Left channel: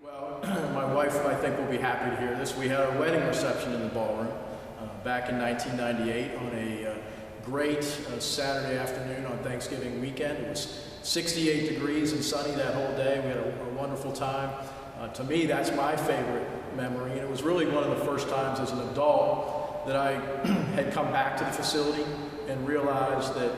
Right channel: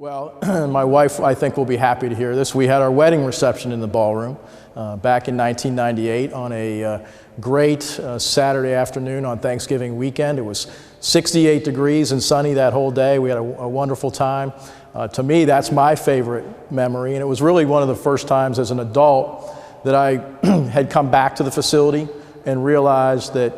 Well, my wife, I think, will be happy to hear this. We had our wedding reception in the ballroom back in 1998 on a great Saturday afternoon on Thanksgiving weekend. It was 68 degrees and sunny that whole day. We had a wonderful time. To me, that's my favorite memory, and it was really one of the first times as an adult that I had come back to the facility and realized that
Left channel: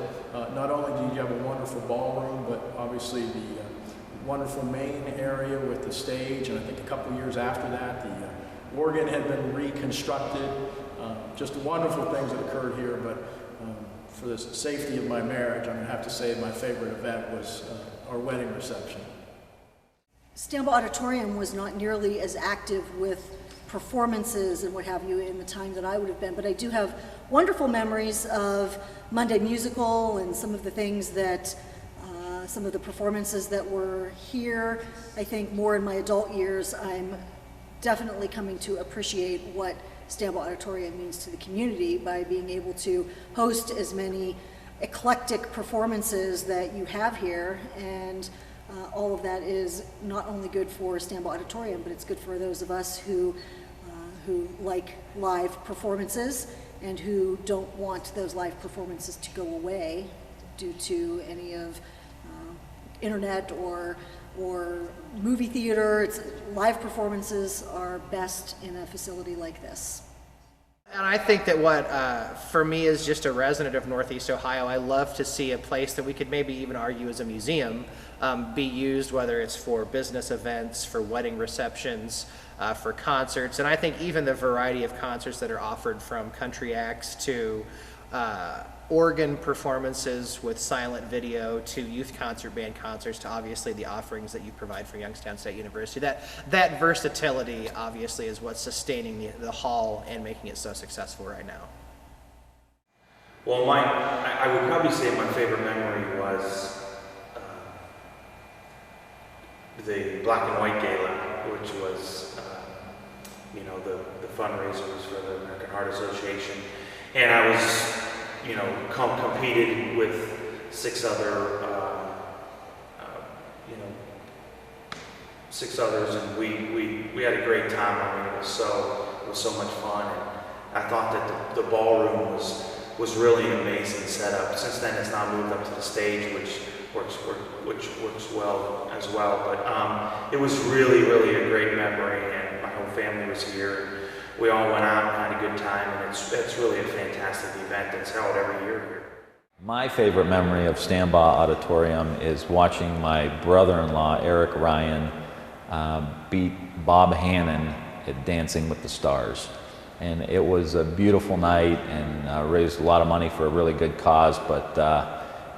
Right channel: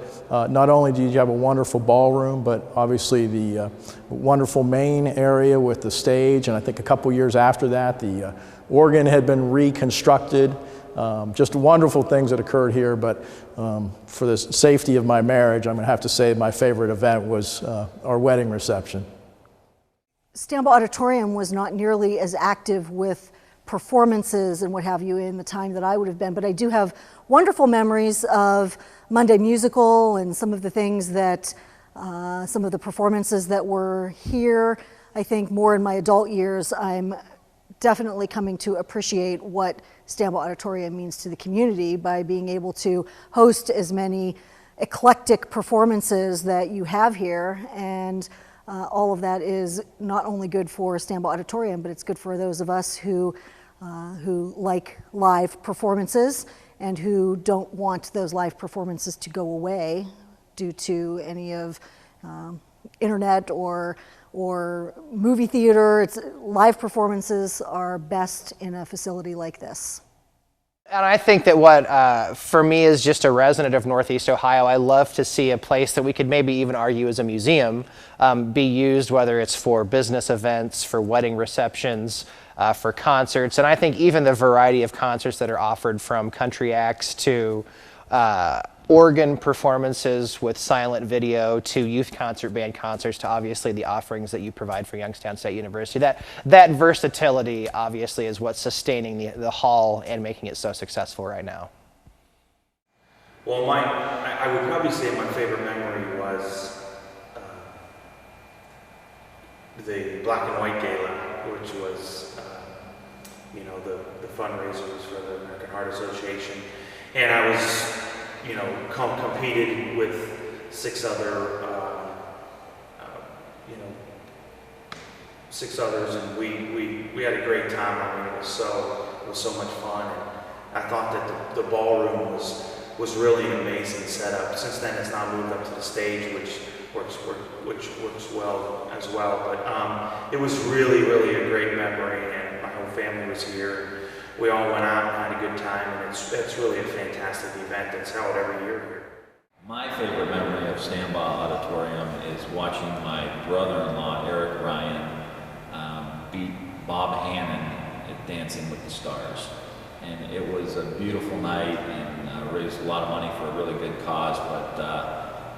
not only do you have a wonderful ballroom, but obviously the wonderful main area with the stage, and I think a couple years after that, the organ had been reconstructed. Just wonderful things that occurred here, but for the safety of my marriage, I'm going to have to say my favorite event was our wedding reception. Stambaugh Auditorium was not nearly as active with performances and what have you in the time that I would have been, but I do have wonderful memories of Monday Musical and some of the things that, some of the performances that were here. I think more in my adult years, I'm definitely coming to appreciate what Stambaugh Auditorium means to the community by being able to host as many eclectic performances that you have here, and all of that is not only good for Stambaugh Auditorium, but it's good for those of us who like live performances and who don't want those live performances to go away due to any of internet or movie theater. Live performances are best in a facility like this. And I think that what, for me, is just a resident of Northeast Ohio, I love to see a place that we could maybe even argue as a museum be used, whether it's for business events, for wedding receptions, for concerts. And I think even the variety of concerts that are offered, from country acts to organ performances with silent video to youth concert band concerts to obviously the offerings that you provide for Youngstown State University. That versatility obviously is what's sustaining the hall and making it so successful right now. Well, I would probably say my favorite memory was the Black and White Gala, which was the fundraisers for the American Heart Association. And I was, competed with six others, and we had a great time. I mean, it was so much fun, and I thought that the ballroom was really an amazing setup. Since then, it's now moved up to the stage, which works well as well. But it was really a great memory, and my whole family was here. We all went out and had a good time, and it's really a fantastic event that's held every year here. My favorite memory of Stambaugh Auditorium is watching my brother-in-law, Eric Ryan, beat Bob Hannon at Dancing with the Stars. And it was a beautiful night, and raised a lot of money for a really good cause, but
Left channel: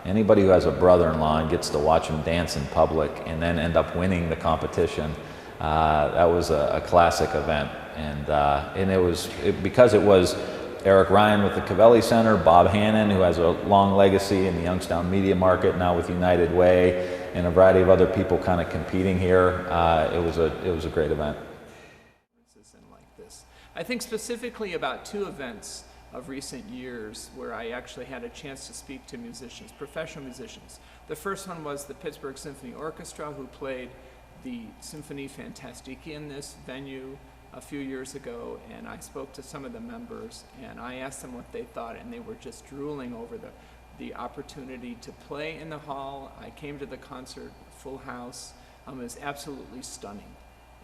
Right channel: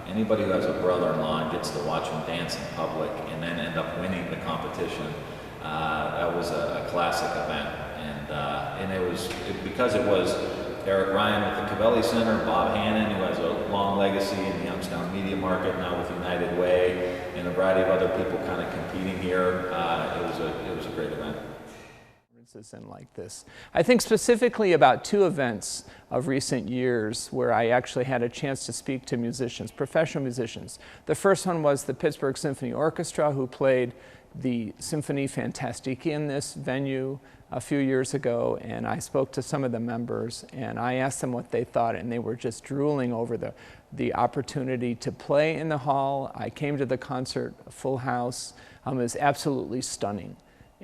anybody who has a brother-in-law and gets to watch him dance in public and then end up winning the competition, that was a classic event. And because it was Eric Ryan with the Covelli Center, Bob Hannon, who has a long legacy in the Youngstown media market, now with United Way, and a variety of other people kind of competing here, it was a great event. And like this. I think specifically about two events of recent years where I actually had a chance to speak to musicians, professional musicians. The first one was the Pittsburgh Symphony Orchestra, who played the Symphonie Fantastique in this venue a few years ago, and I spoke to some of the members and I asked them what they thought, and they were just drooling over the opportunity to play in the hall. I came to the concert, a full house. It was absolutely stunning.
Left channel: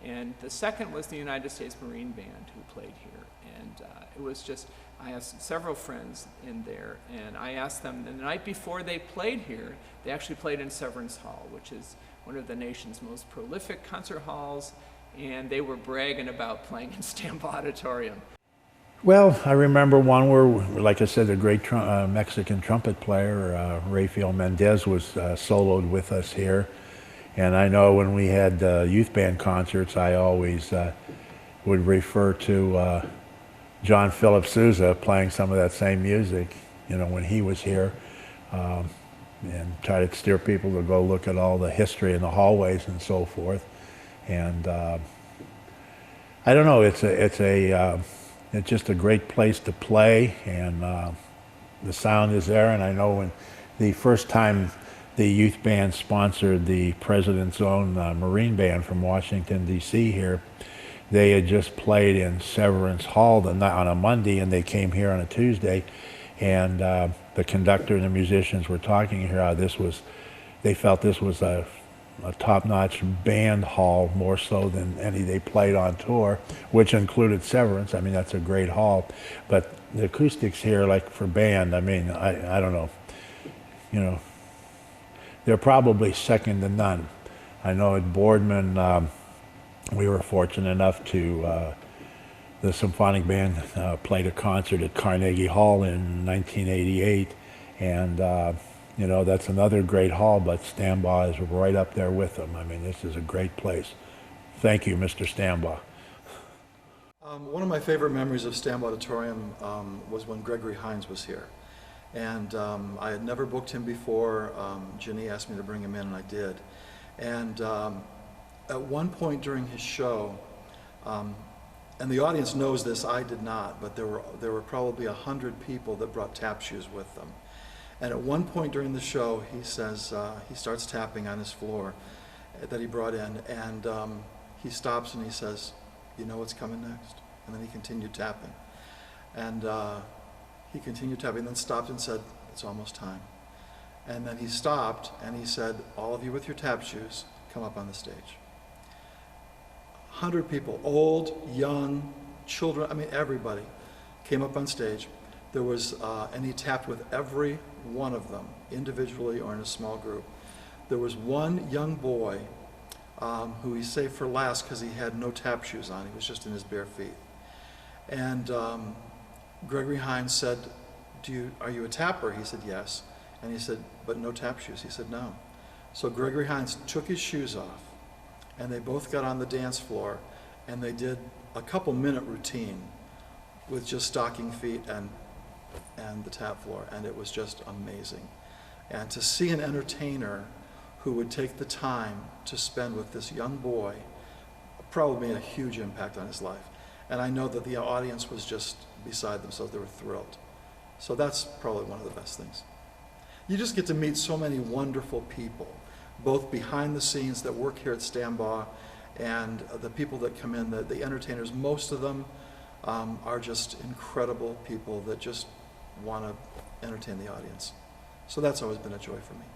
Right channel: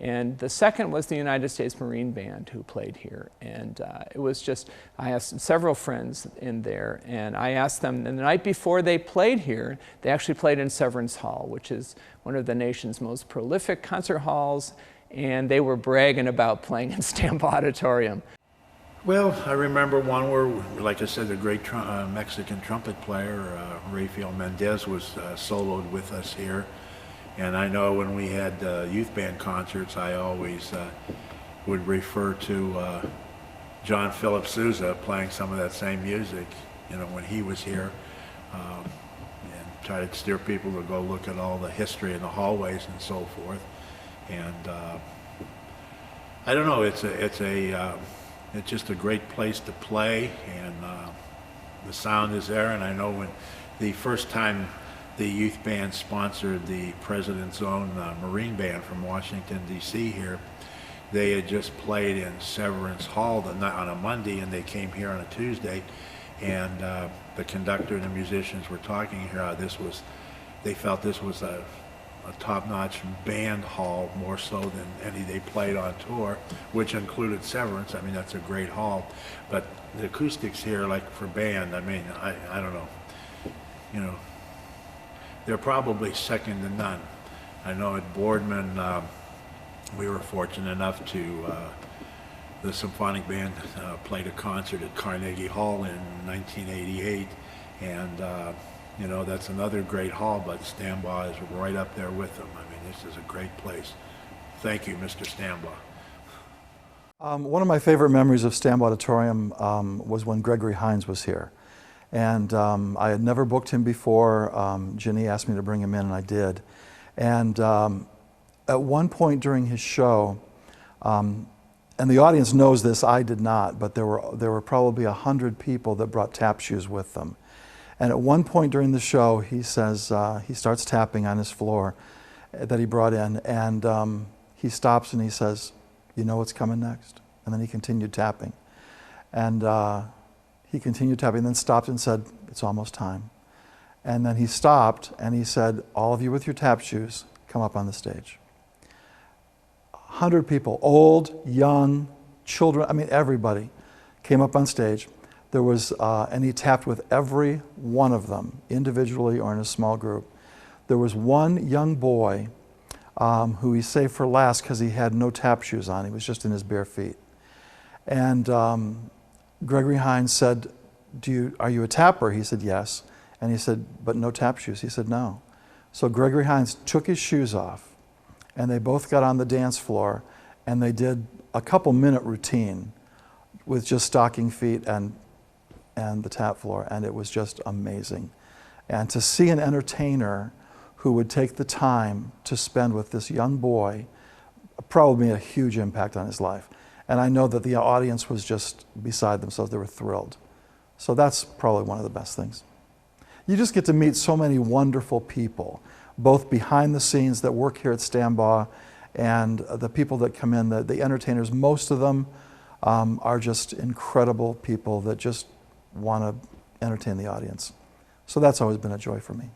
And the second was the United States Marine Band, who played here. And it was just, I asked several friends in there, and I asked them, and the night before they played here, they actually played in Severance Hall, which is one of the nation's most prolific concert halls, and they were bragging about playing in Stambaugh Auditorium. Well, I remember one where, like I said, the great Mexican trumpet player, Rafael Mendez, was soloed with us here. And I know when we had youth band concerts, I always would refer to John Philip Sousa playing some of that same music, when he was here, and try to steer people to go look at all the history in the hallways and so forth. And I don't know, it's just a great place to play, and the sound is there. And I know when the first time the youth band sponsored the President's Own Marine Band from Washington, D.C. here. They had just played in Severance Hall on a Monday, and they came here on a Tuesday. And the conductor and the musicians were talking here how they felt this was a top-notch band hall, more so than any they played on tour, which included Severance. I mean, that's a great hall. But the acoustics here, like for band, I mean, I don't know. You know, they're probably second to none. I know at Boardman, we were fortunate enough to, the symphonic band played a concert at Carnegie Hall in 1988, and you know, that's another great hall, but Stambaugh is right up there with them. I mean, this is a great place. Thank you, Mr. Stambaugh. One of my favorite memories of Stambaugh Auditorium was when Gregory Hines was here. And I had never booked him before. Ginny asked me to bring him in, and I did. And at one point during his show, and the audience knows this, I did not, but there were probably 100 people that brought tap shoes with them. And at one point during the show, he says, he starts tapping on his floor that he brought in, and he stops and he says, "You know what's coming next?" And then he continued tapping. And he continued tapping, then stopped and said, "It's almost time." And then he stopped and he said, "All of you with your tap shoes, come up on the stage." 100 people, old, young, children, I mean, everybody came up on stage. There was, and he tapped with every one of them, individually or in a small group. There was one young boy who he saved for last because he had no tap shoes on. He was just in his bare feet. And Gregory Hines said, "Are you a tapper?" He said, "Yes." And he said, "But no tap shoes?" He said, "No." So Gregory Hines took his shoes off, and they both got on the dance floor, and they did a couple-minute routine with just stocking feet and the tap floor, and it was just amazing. And to see an entertainer who would take the time to spend with this young boy probably made a huge impact on his life. And I know that the audience was just beside themselves. They were thrilled. So that's probably one of the best things. You just get to meet so many wonderful people, both behind the scenes that work here at Stambaugh and the people that come in, the entertainers. Most of them are just incredible people that just want to entertain the audience. So that's always been a joy for me.